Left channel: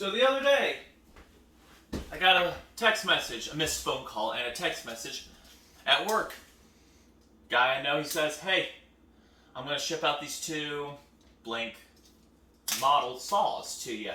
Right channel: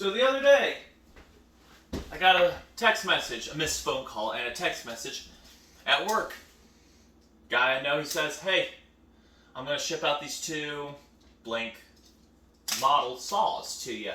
So the other day, I got a text message, a missed phone call, and a text message at work. Guy I know, he says, hey, I'm going to ship out these two blank model saws to you.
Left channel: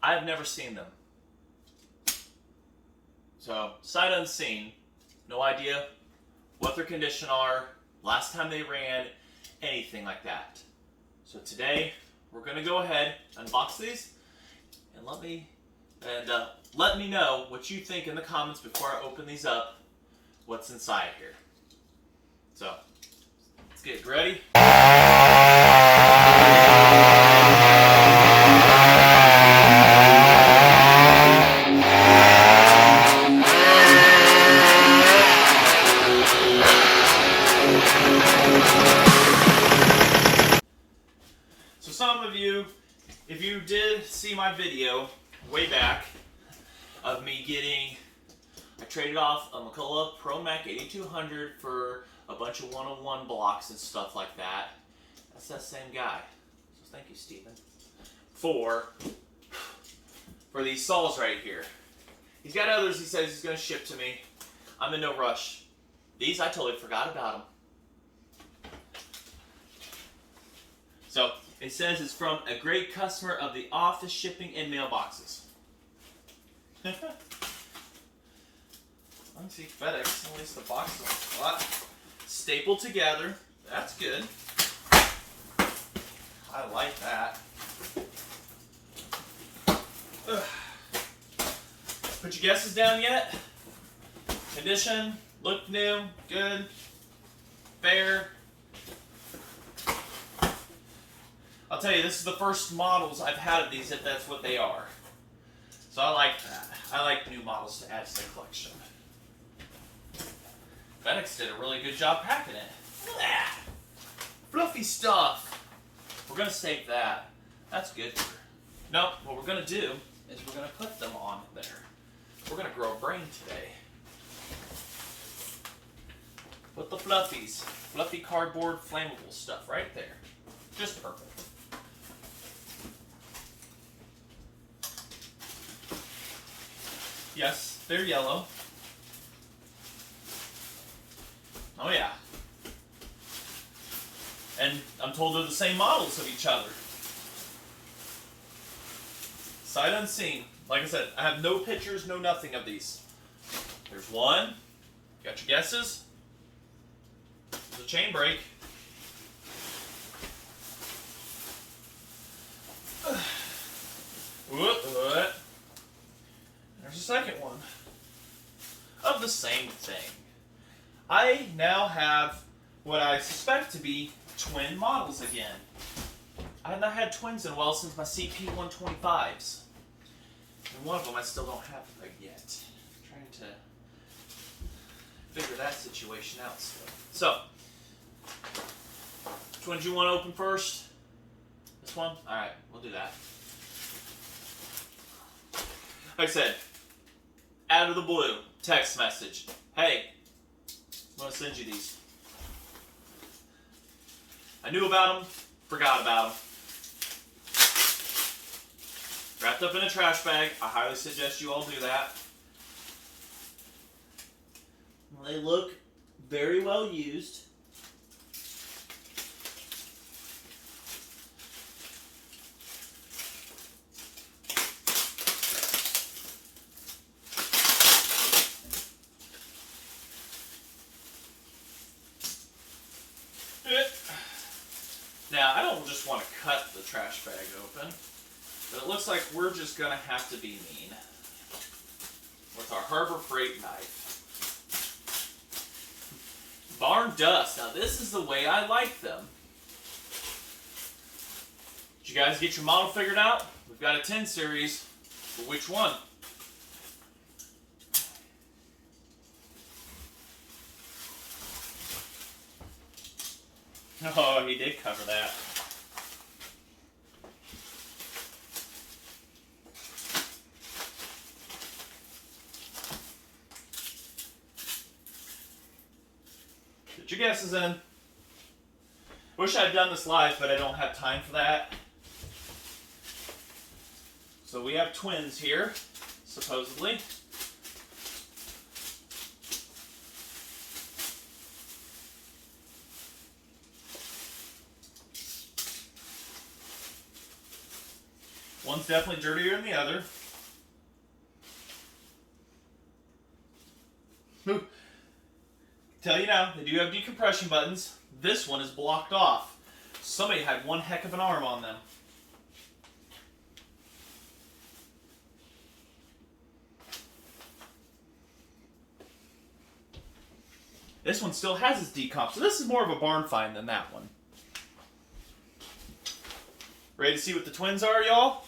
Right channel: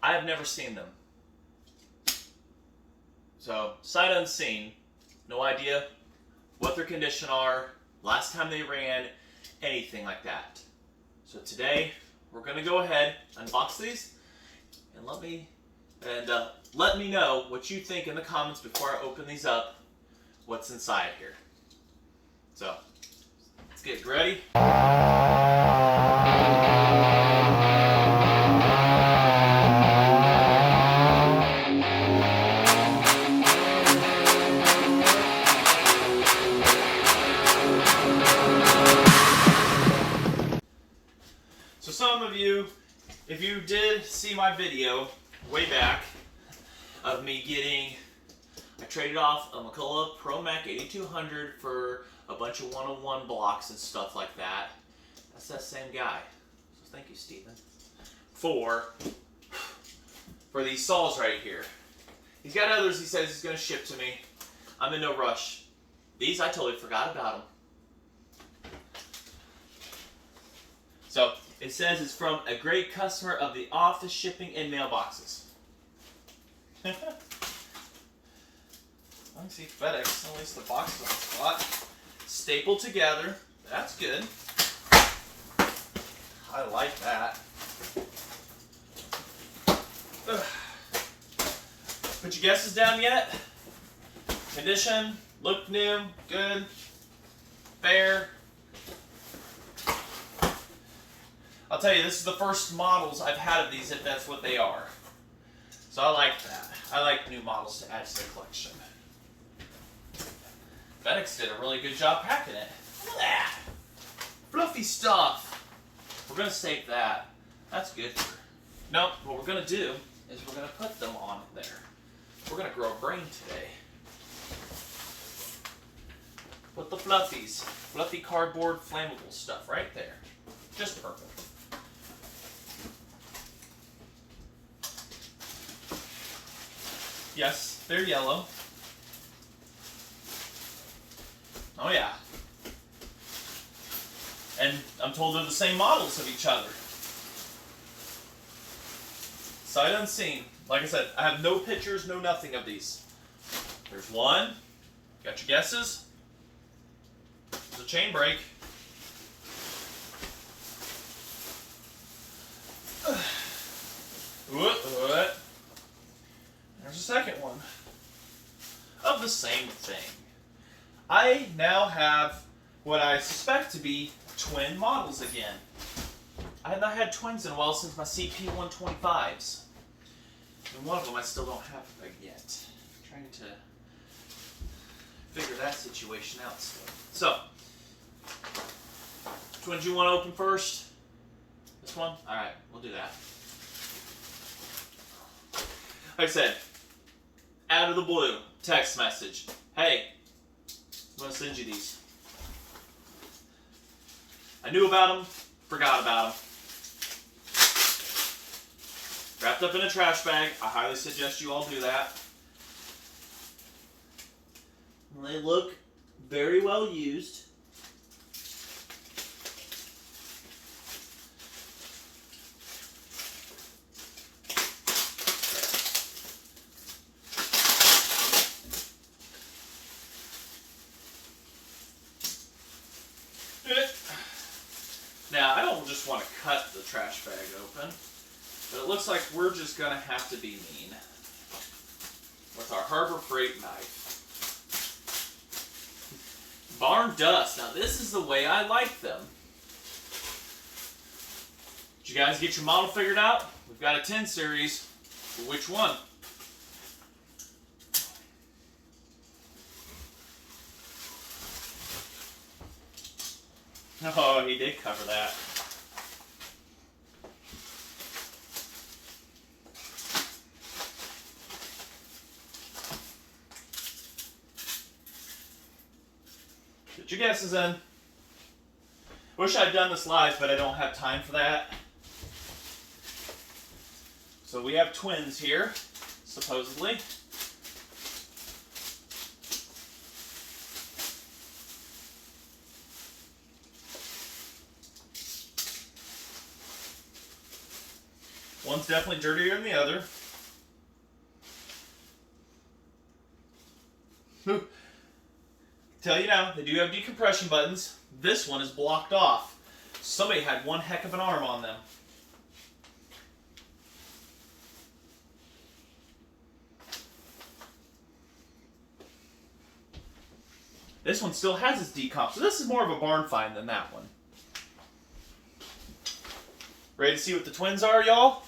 I have never seen them. So, sight unseen, no idea what their condition are, last time they ran, anything like that. So today, we're going to go ahead, unbox these, and let me know what you think in the comments before I open these up, what's inside here. So, let's get ready. So some of you, if you did see my video way back of me I traded off a McCulloch Pro Mac 8200 for a bunch of 101 blocks and stuff like that. That's that same guy. So thank you, Stephen. For these saws right here. He's got others he says he's going to ship to me. I'm in no rush. These, I totally forgot about them. So, it says it's from a great customer of the office shipping and mailboxes. Let me see, FedEx, at least the box is on the spot. Stapled together, that's good. I like that. Ugh. Put your guesses down yet? Condition, look new, good, fair. I'll tell you, this is the first models I've had of these, if that's what they are. So I like that. I like new models to add to the collection. FedEx did a really good job packing it. Look at that. Fluffy stuff. We're going to stake that. That's good. Nope, what we're going to do is we're going to put them on there. We're going to grow a brain today. Put the fluffies. Fluffy cardboard flammable stuff right there. Just perfect. Yes, they're yellow. Oh yeah. And I'm told they're the same models of each other. Sight unseen. Like I said, I have no pictures, no nothing of these. There's one. Got your guesses? There's a chain brake. What? There's a second one of the same thing. I now have what I suspect to be twin models again. I have not had twins in a while since my CP125s. And one of them I still don't have yet. I'm trying to figure that situation out still. So, which one do you want to open first? This one? Alright, we'll do that. Like I said, out of the blue, text message. Hey, I'm going to send you these. I knew about them, forgot about them. Wrapped up in a trash bag. I highly suggest you all do that. They look very well used. Now, I don't just want to cut the trash bag open, but it looks like we're just going to have to be mean with our Harbor Freight knife. Barn Dust. Now, this is the way I like them. Did you guys get your model figured out? We've got a 10 series. For which one? Oh, he did cover that. Put your guesses in. Wish I'd done this live, but I don't have time for that. So we have twins here, supposedly. One's definitely dirtier than the other. Tell you now, they do have decompression buttons. This one is blocked off. Somebody had one heck of an arm on them. This one still has its decomp, so this is more of a barn find than that one. Ready to see what the twins are, y'all?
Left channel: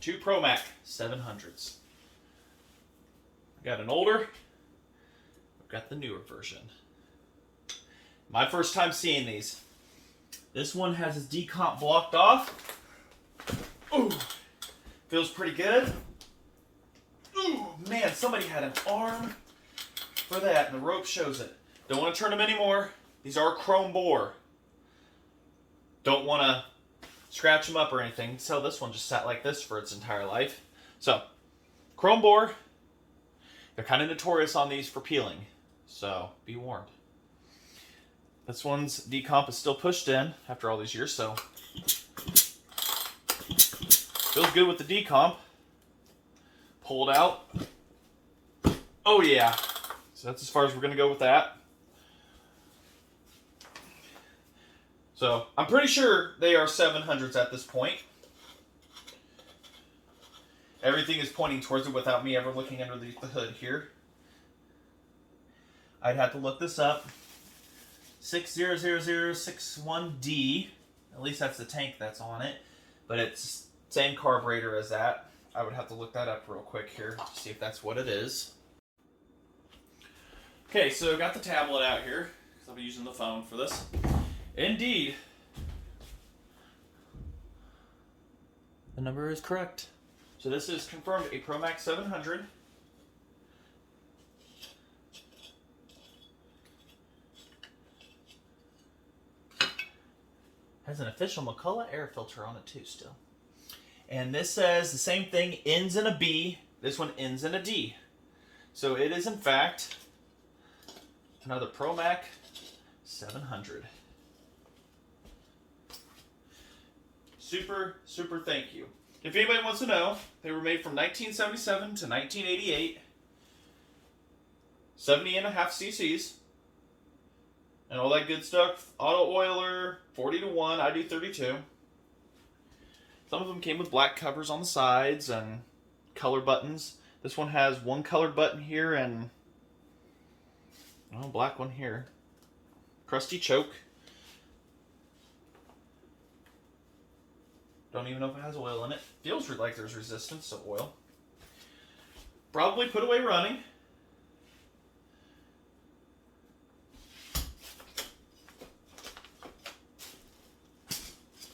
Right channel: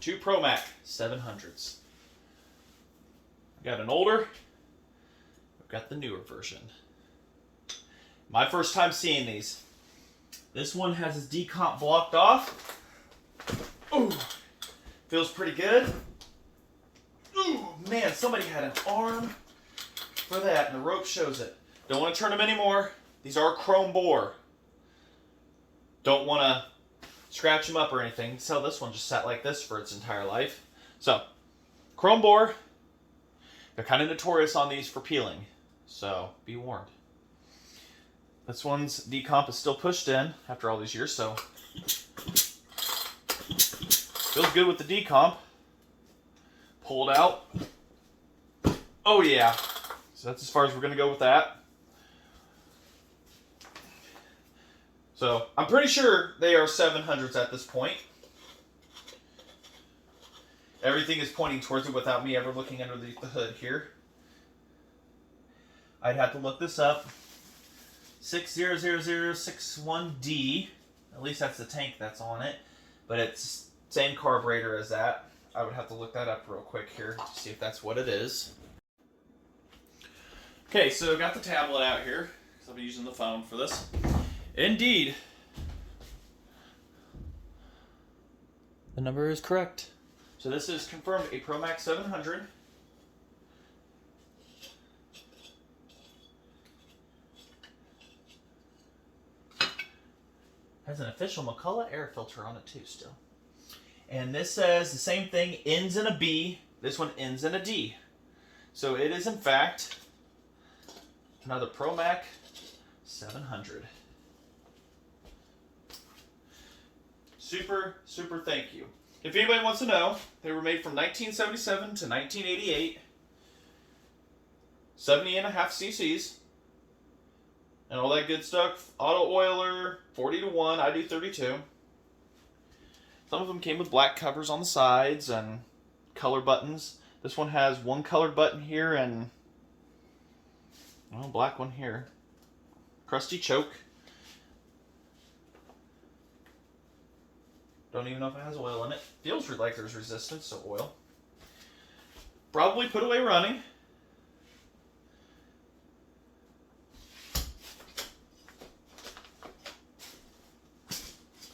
Two Pro Mac 700s. I got an older, I've got the newer version. My first time seeing these. This one has its decomp blocked off. Ooh, feels pretty good. Ooh, man, somebody had an arm for that, and the rope shows it. Don't want to turn them anymore. These are chrome bore. Don't want to scratch them up or anything. So this one just sat like this for its entire life. So, chrome bore. They're kind of notorious on these for peeling. So, be warned. This one's decomp is still pushed in after all these years, so feels good with the decomp. Pulled out. Oh yeah. So that's as far as we're gonna go with that. So I'm pretty sure they are 700s at this point. Everything is pointing towards it without me ever looking underneath the hood here. I'd have to look this up. 600061D. At least that's the tank that's on it. But it's same carburetor as that. I would have to look that up real quick here to see if that's what it is. Okay, so I got the tablet out here because I'll be using the phone for this. Indeed, the number is correct. So this is confirmed a Pro Max 700. Has an official McCulloch air filter on it too still. And this says the same thing, ends in a B. This one ends in a D. So it is in fact another Pro Max 700. Super, super thank you. If anybody wants to know, they were made from 1977 to 1988. 70.5 cc's. And all that good stuff. Auto oiler, 40-1. I do 32. Some of them came with black covers on the sides and color buttons. This one has one colored button here and black one here. Crusty choke. Don't even know if it has oil in it. Feels like there's resistance to oil. Probably put away running.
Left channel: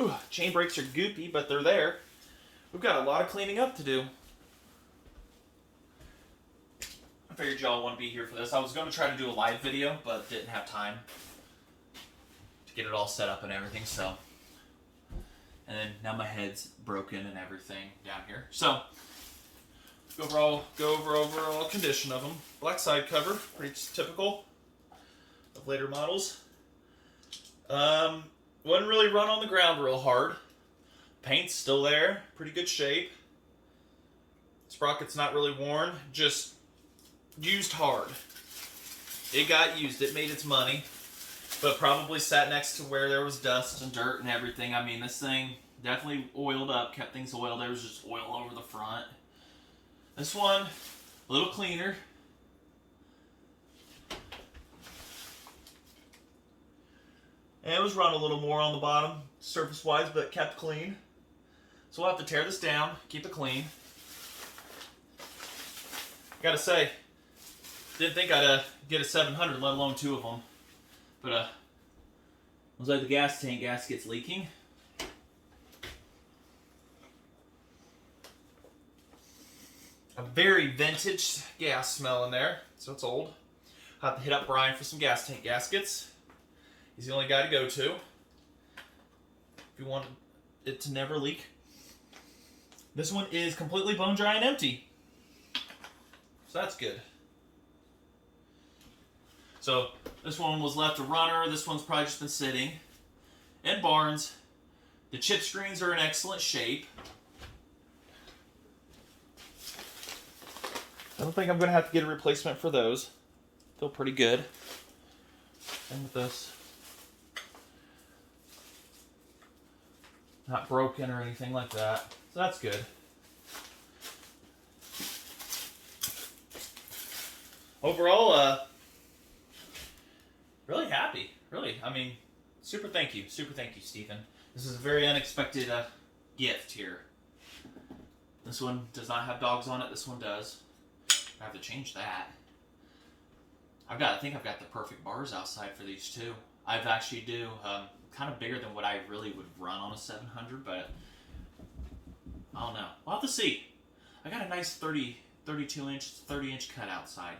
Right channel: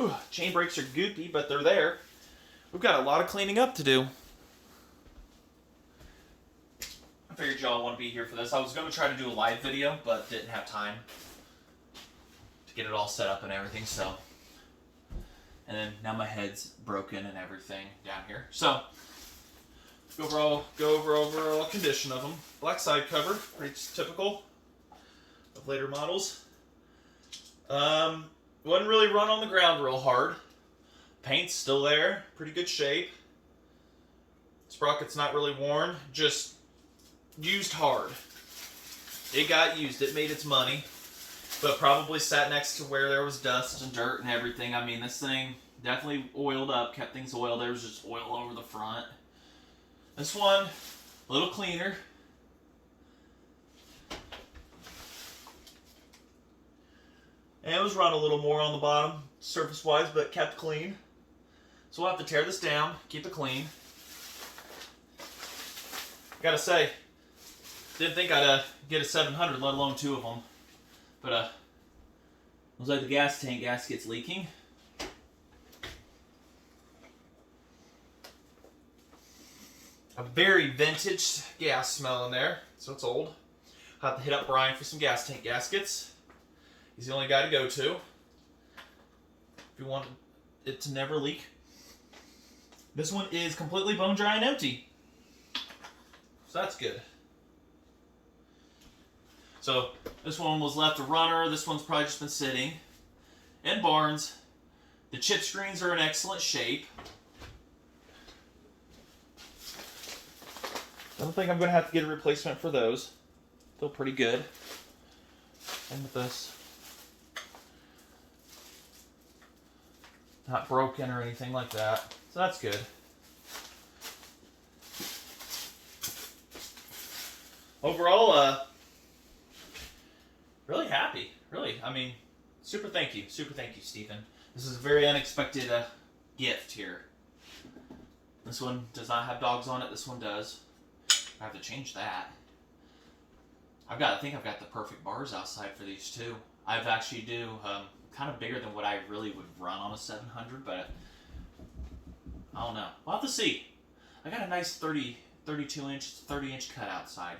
Ooh, chain brakes are goopy, but they're there. We've got a lot of cleaning up to do. I figured y'all want to be here for this. I was going to try to do a live video, but didn't have time to get it all set up and everything, so. And then now my head's broken and everything down here. So, go over overall condition of them. Black side cover, pretty typical of later models. Wouldn't really run on the ground real hard. Paint's still there, pretty good shape. Sprocket's not really worn, just used hard. It got used, it made its money, but probably sat next to where there was dust and dirt and everything. I mean, this thing definitely oiled up, kept things oiled. There was just oil over the front. This one, a little cleaner. And it was run a little more on the bottom, surface-wise, but kept clean. So we'll have to tear this down, keep it clean. I gotta say, didn't think I'd get a 700, let alone two of them. But looks like the gas tank gasket's leaking. a very vintage gas smell in there, so it's old. I'll have to hit up Brian for some gas tank gaskets. He's the only guy to go to if you want it to never leak. This one is completely bone dry and empty, so that's good. So this one was left a runner. This one's probably just been sitting in barns. The chip screens are in excellent shape. I don't think I'm going to have to get a replacement for those. Feel pretty good. And with this, not broken or anything like that. So that's good. Overall, really happy. Really, I mean, super thank you, Stephen. This is a very unexpected gift here. This one does not have dogs on it. This one does. I have to change that. I think I've got the perfect bars outside for these too. I've actually do kind of bigger than what I really would run on a 700, but I don't know. We'll have to see. I got a nice 30-inch cut outside.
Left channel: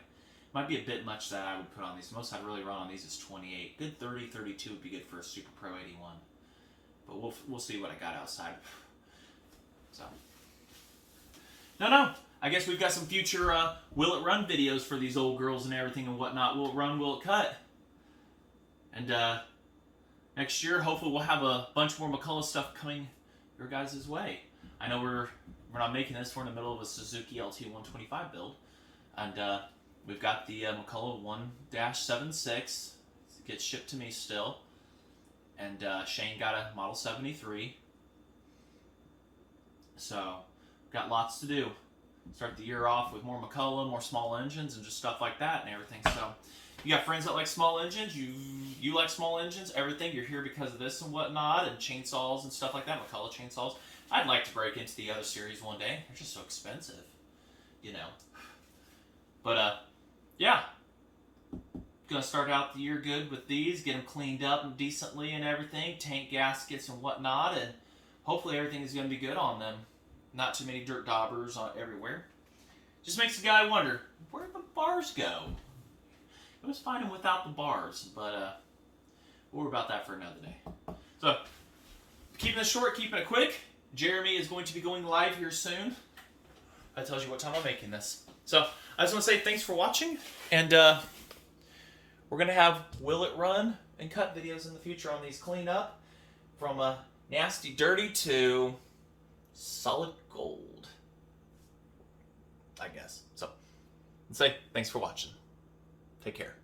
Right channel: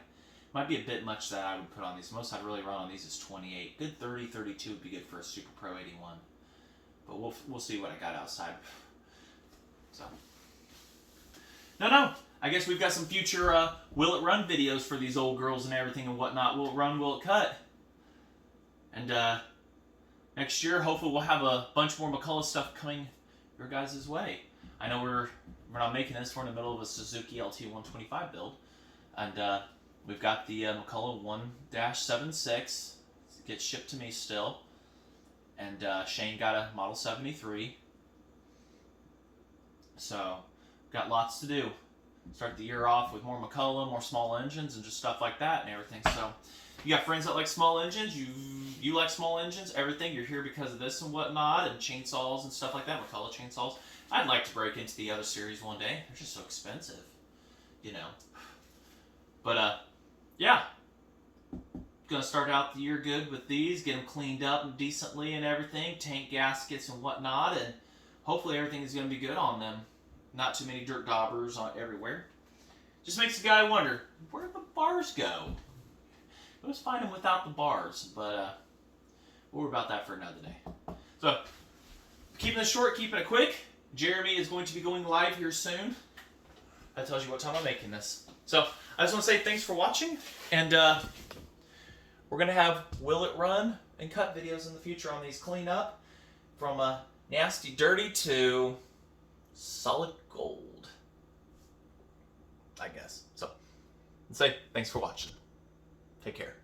Might be a bit much that I would put on these. Most I'd really run on these is 28. Good 30, 32 would be good for a Super Pro 81. But we'll see what I got outside. So no. I guess we've got some future Will It Run videos for these old girls and everything and whatnot. Will it run? Will it cut? And next year, hopefully, we'll have a bunch more McCulloch stuff coming your guys' way. I know we're not making this. We're in the middle of a Suzuki LT125 build, and we've got the McCulloch 1-76. It gets shipped to me still, and Shane got a Model 73. So, got lots to do. Start the year off with more McCulloch, more small engines, and just stuff like that and everything. So, you got friends that like small engines, you like small engines, everything. You're here because of this and whatnot, and chainsaws and stuff like that, McCulloch chainsaws. I'd like to break into the other series one day. They're just so expensive, you know. But, yeah. Gonna start out the year good with these, get them cleaned up and decently and everything, tank gaskets and whatnot, and hopefully everything is gonna be good on them. Not too many dirt daubers everywhere. Just makes the guy wonder, where'd the bars go? It was fine without the bars, but we'll worry about that for another day. So, keeping it short, keeping it quick. Jeremy is going to be going live here soon. That tells you what time I'm making this. So, I just want to say thanks for watching, and we're going to have Will It Run and cut videos in the future on these cleanup, from nasty dirty to solid gold, I guess. So, let's say thanks for watching. Take care.